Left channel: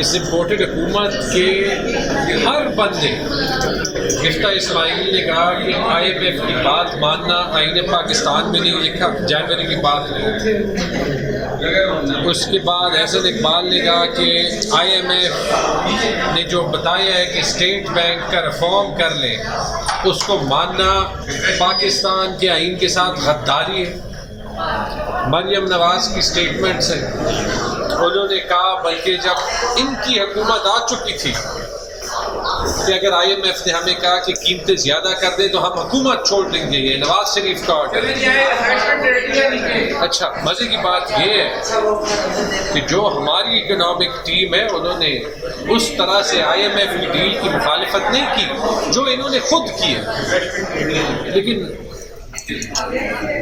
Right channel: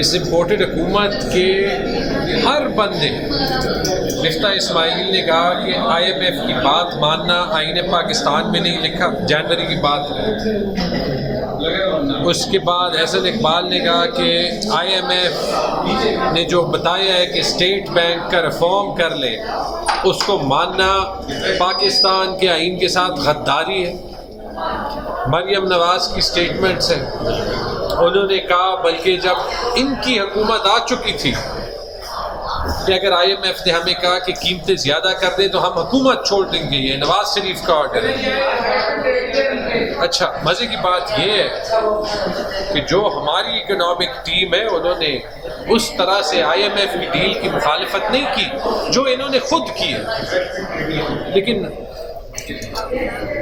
اس imported حکومت کے ہر بندے، مفتاح اسماعیل نے کہا کہ IMF کی بات ماننا آئین پاکستان میں نہیں لکھا، جنوری کی بات نہیں۔ اس کے بعد احسن اقبال نے کہا کہ IMF نے جو بتایا ہے کہ اسٹیٹ بینک کا ریفارم کر لے، اس کو ماننا پاکستان کے آئین کے ساتھ غداری ہے۔ مریم نواز کی سٹیٹمنٹس ہیں، انہوں نے کہا بلکہ جب ان کی حکومت آ چکی تھی کہ اگر IMF نے ہمیں کہا کہ قیمتیں زیادہ کر دیں تو ہم حکومت چھوڑ دیں گے، یہ نواز شریف کا آرڈر ہے۔ اچھا، مزے کی بات یہ ہے کہ جو ہماری اکنامک ٹیم ہے انہوں نے اس طرح سے IMF کی ڈیل کی مخالفت نہیں کی جو انہوں نے خود کی ہے، لیکن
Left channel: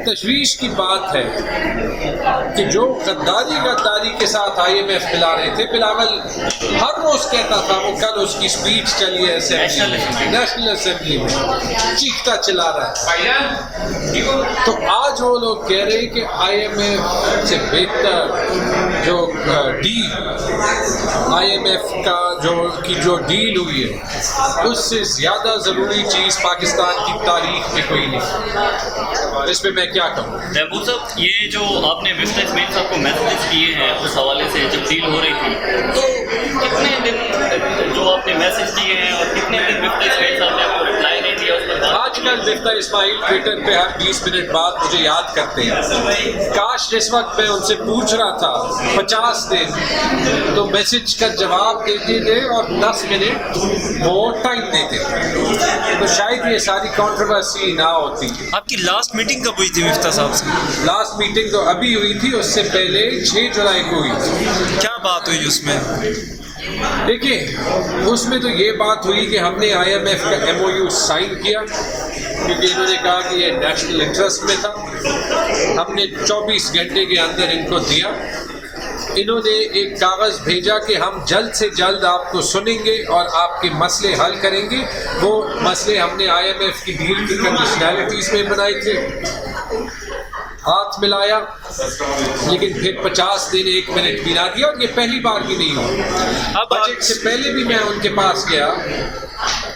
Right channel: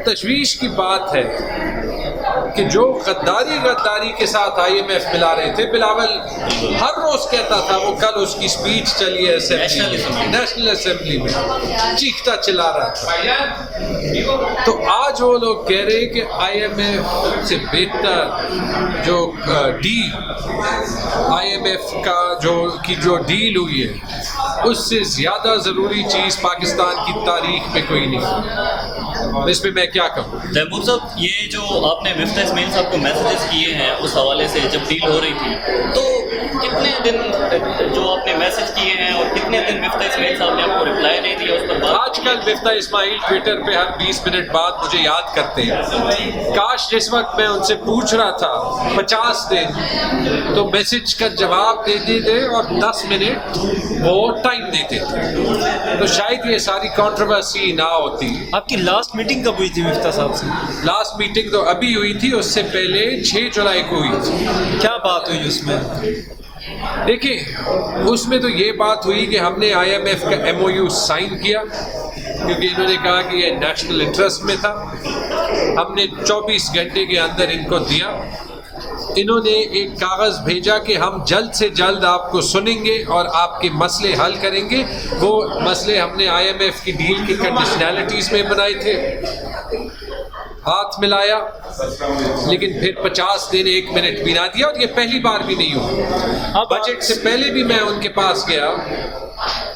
تشویش کی بات ہے کہ جو غداری کے ساتھ IMF ملا رہے تھے، بلاول ہر روز کہتا تھا، وہ کل اس کی سپیچ چلی ہے نیشنل اسمبلی میں، چیختا چلا رہا ہے۔ تو آج وہ لوگ کہہ رہے کہ IMF سے بہتر جو IMF کا جو ڈیل ہوئی ہے، اس سے زیادہ ضروری چیز پاکستان کی تاریخ میں کوئی نہیں۔ اس پہ میں کیا کہوں؟ محمود صاحب، یہ جو آپ نے مفتاح اسماعیل صاحب کو میسیجز کیے ہیں اس حوالے سے جب ڈیل ہو رہی تھی، تو کتنے دن جو آپ نے میسیج کیے ہیں اور کتنے دن مفتاح اسماعیل صاحب نے آپ کو رپلائی نہیں دیا اس پر؟ آج کل مفتاح اسماعیل ٹویٹر پہ ہر 20 منٹ بعد مجھے یاد کرتے ہیں۔ کاش جس وقت میں ان سے پوچھ رہا تھا 50 دن تو میسیج کا جواب دیتے تھے اور 10 منٹ وہ ٹائم دیتے تھے، تو شاید یہ ساری کنٹروورسی نہ ہوتی۔ آپ کی لاسٹ میٹنگ کب ہوئی تھی مفتاح صاحب سے؟ لاسٹ میٹنگ تو ابھی ہوئی تھی، اس سے پہلے 6 جولائی کو ہوئی تھی۔ کیا بات ہوئی اس میں؟ دیکھیں، اس میں تو یہ بات ہوئی کہ ہم نے IMF کا MOU سائن کیا کیونکہ انہوں نے کہا کہ یہ نیشنل انٹرسٹ میں تھا۔ ہم نے 24 گھنٹے کے اندر ان کو دیا۔ انہوں نے ایک کاغذ بھیجا کہ ہم جلد سے جلد آپ کو سنیں گے اور آپ کے مسئلے حل کریں گے۔ وہ مسئلے ہم نے IMF کی ڈیل کی کنڈیشنلٹیز میں بنائے تھے، ہاتھ ملایا، لیکن پھر 50 دن 1 منٹ بھی نہ دیا، اور یہ پہلی بار بھی نہیں ہوا۔ بجٹ سے پہلے بھی میں ان کے پاس گیا،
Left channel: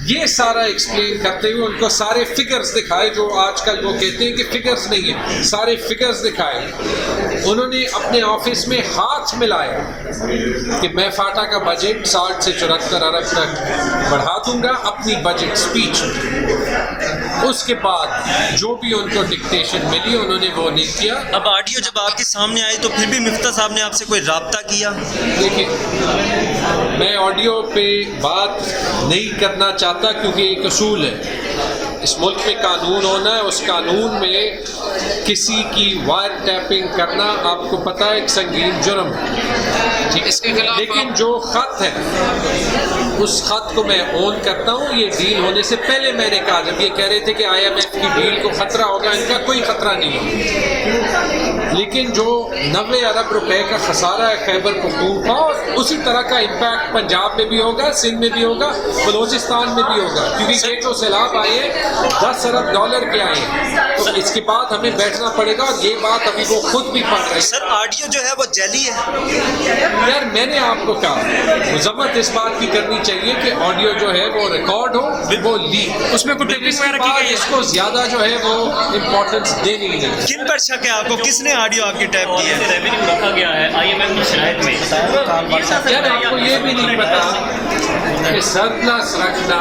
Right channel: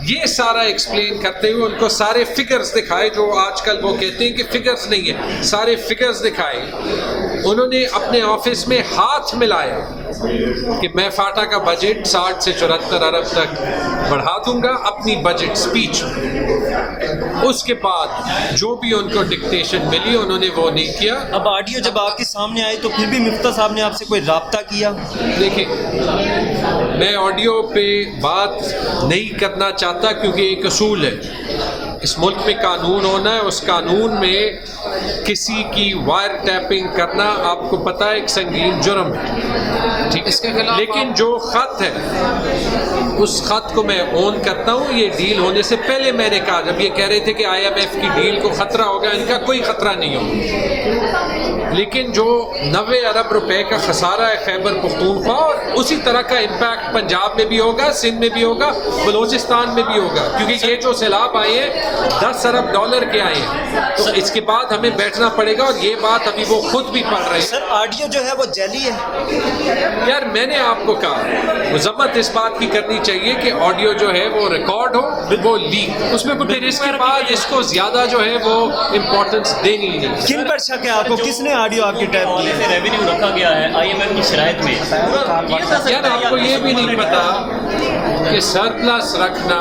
یہ سارا ایکسپلین کرتے ہوئے ان کو سارے فگرز دکھائے، جو آج کل وہ کہتے ہیں کہ فگرز نہیں ہیں، سارے فگرز دکھائے۔ انہوں نے اپنے آفس میں ہاتھ ملایا کہ میں فاٹا کا بجٹ 60 سے 74 ارب تک بڑھا دوں گا اپنی بجٹ سپیچ۔ اس کے بعد جو بھی ان کو ڈکٹیشن ملی انہوں نے وہ نہیں کیا۔ اب آڈیو جب آپ کے سامنے آئی تو پھر بھی مفتاح صاحب نے آپ سے کوئی رابطہ کیا؟ دیکھیں، میں آڈیو پہ بات نہیں کرنا چاہتا کیونکہ ایک اصول ہے، اس ملک میں قانون ہونا ہے، اس قانون میں کسی کی وائر ٹیپنگ کرنا آپ کو پتہ ہے ایک سنگین جرم ہے، ٹھیک ہے، لیکن جو خط ہے اس خط کو میں اون کرتا ہوں۔ یہ ڈیل ہونے سے پہلے میں نے کہا، جب یہ کہہ رہے تھے کہ IMF کی ڈیل کو خطرہ ہوگا، ان کا کوئی خطرہ نہیں ہوگا، لیکن جو 90 ارب روپے کا خسارہ ہے خیبر پختونخوا، اور اسی طرح کا امپیکٹ پنجاب میں بھی ہوگا، سندھ میں بھی ہوگا، بلوچستان میں بھی ہوگا، کیونکہ یہ جو سیلاب آئے ہیں 10 ارب ڈالر کے آئے ہیں، تو اس کے بعد ہمیں بیٹھنا پڑے گا، اور یہ بات ابھی وہ خود بھی پڑھ رہے ہیں۔ سر، آڈیو جو ہے وہ جعلی ہے؟ یار میں نے آپ کو کہا، مذمت اس بات کی کرنی چاہیے کہ آڈیو جو ہے وہ ریکارڈ ہو، وہ لیک، اس میں اس کو زیادہ جو ہے وہ امپورٹنس دینی نہیں۔ کن پر شک ہے آپ کو؟ کس نے آڈیو آپ کی ٹائپ کی ہے؟ ریونیو رکھا گیا ہے IMF کی شرائط میں، یار آپ کو یہ بھی نہیں پتا کہ سرپلس رکھنا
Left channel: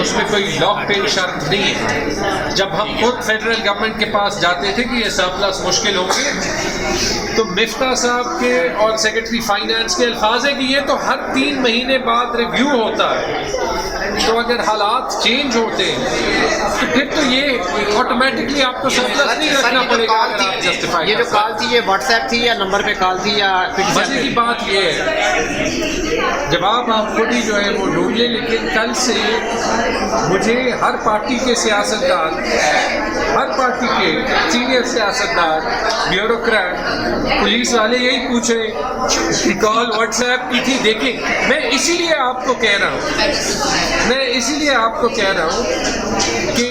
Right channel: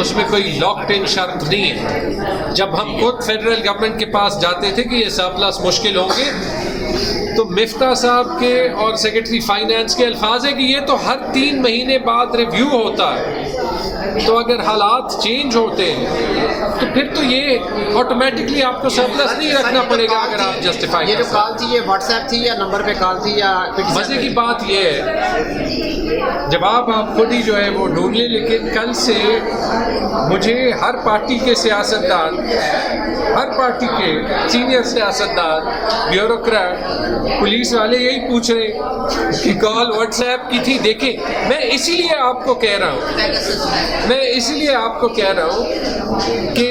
اس میں کوئی لاک پن شرط نہیں ہے۔ جب ہم خود فیڈرل گورنمنٹ کے پاس جاتے تھے کہ یہ سرپلس مشکل ہوں گے، تو مفتاح صاحب کے اور سیکرٹری فائنانس کے الفاظ ہے کہ یہ تو ہر 3 مہینے بعد ریویو ہوتا ہے، تو اگر حالات چینج ہوتے ہیں تو پھر تو یہ آٹومیٹکلی آپ کو سرپلس نہیں رکھنا پڑے گا اگر آپ جسٹیفائی۔ یہ جو کال تھی یہ واٹس ایپ تھی یا نمبر پہ کال تھی یا؟ مزے کی بات یہ ہے، جواب آپ خود ہی جو ہے وہ ڈھونڈیے، لیکن کل سے مجھے ہر پارٹی کے سیاستدان، ہر پارٹی کے سینئر سیاستدان، بیوروکریٹ، پولیس والے یہی پوچھ رہے کہ کال واٹس ایپ کی تھی۔ دیکھیں، میں اسی لیے آپ کو کہہ رہا ہوں کہ